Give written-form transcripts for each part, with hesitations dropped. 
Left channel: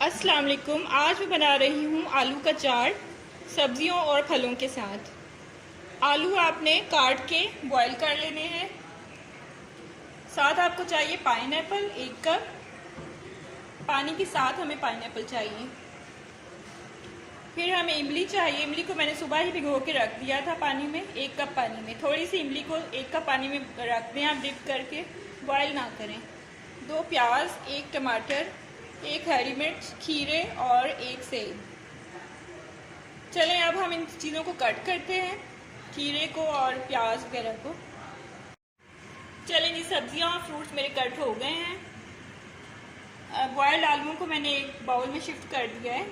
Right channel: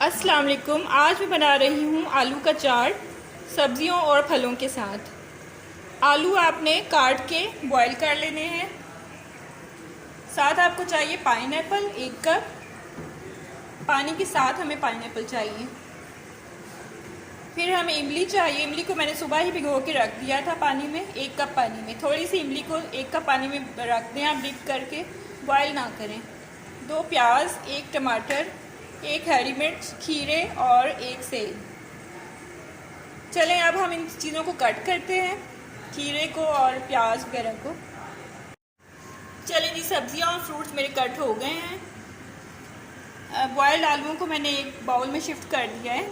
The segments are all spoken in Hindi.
अस्सलाम वालेकुम। आज मैं बना रही हूँ आलू का चाट सब्जियों और फलों के साथ। आलू आपने काट के बॉईल कर लेने हैं। साथ आपको चाहिए पाइनएप्पल 1 कप। पानी के साथ हमें पाइनएप्पल चाहिए। फिर हमें इमली चाहिए। इमली को मैंने सुबह ही भिगो के रख दिया था पानी में, 1 कप पानी में। थोड़ी सी इमली को 1 कप पानी में रख दें आप, डिप करके, बॉयल ना करें। 2 प्याज, 1 टमाटर, 1 हरी मिर्च, खीरे और 1 सेब। चलें अब हम इन चीज़ों को कट करते हैं, खीरे को और प्याज वगैरह को। चलें जी, सब्जियां और फ्रूट्स मेरे कट हो गए हैं। बॉयल्ड आलूओं को मैंने एक बाउल में शिफ्ट कर दिया है।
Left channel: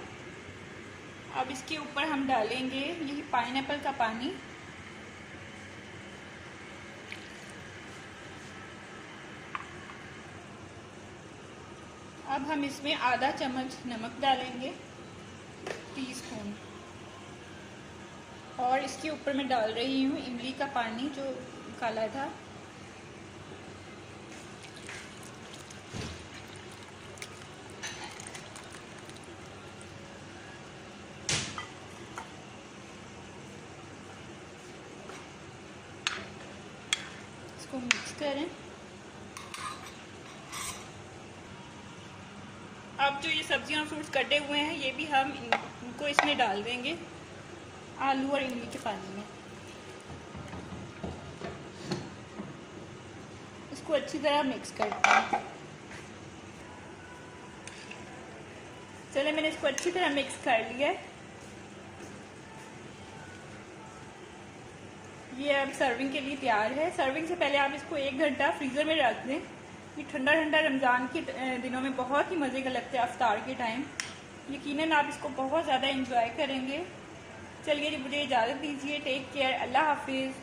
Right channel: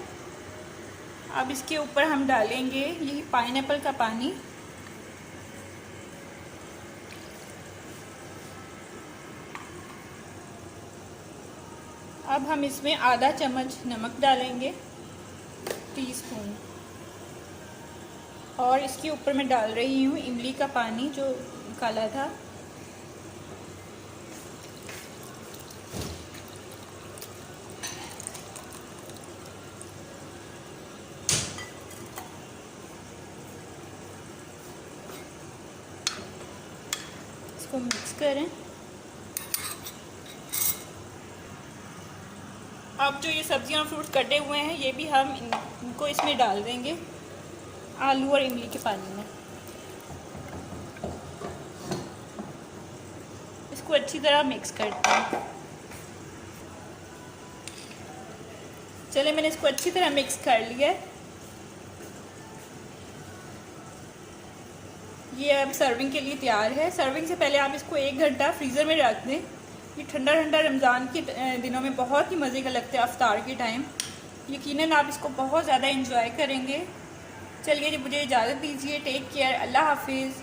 अब इसके ऊपर हम डालेंगे यही पाइनएप्पल का पानी। अब हम इसमें आधा चम्मच नमक डालेंगे, टीस्पून। और इसके ऊपर मैं डाल रही हूँ इमली का पानी जो काला था। इसको मिक्स करें। अब जो ये सब्जियां और फ्रूट्स कटे हुए हैं ये भी हम इनको इसमें डाल देंगे, आलू और इमली के पानी में। इसको अच्छी तरह मिक्स करते हैं। चले, मैंने इसको अच्छी तरह मिक्स कर लिया है। ये अब सर्विंग के लिए तैयार है। सर्विंग से पहले आप इसको 1 घंटा फ्रीज़र में रख दें। ये ठंडा ठंडा रमज़ान के दिनों में बहुत ही मज़े का लगता है, अफ्तार के टाइम। यकीनन आप इसको बहुत ज़्यादा इंजॉय करेंगे। चलिए जी, मुझे इजाज़त दीजिए। टेक केयर, अल्लाह हाफिज़।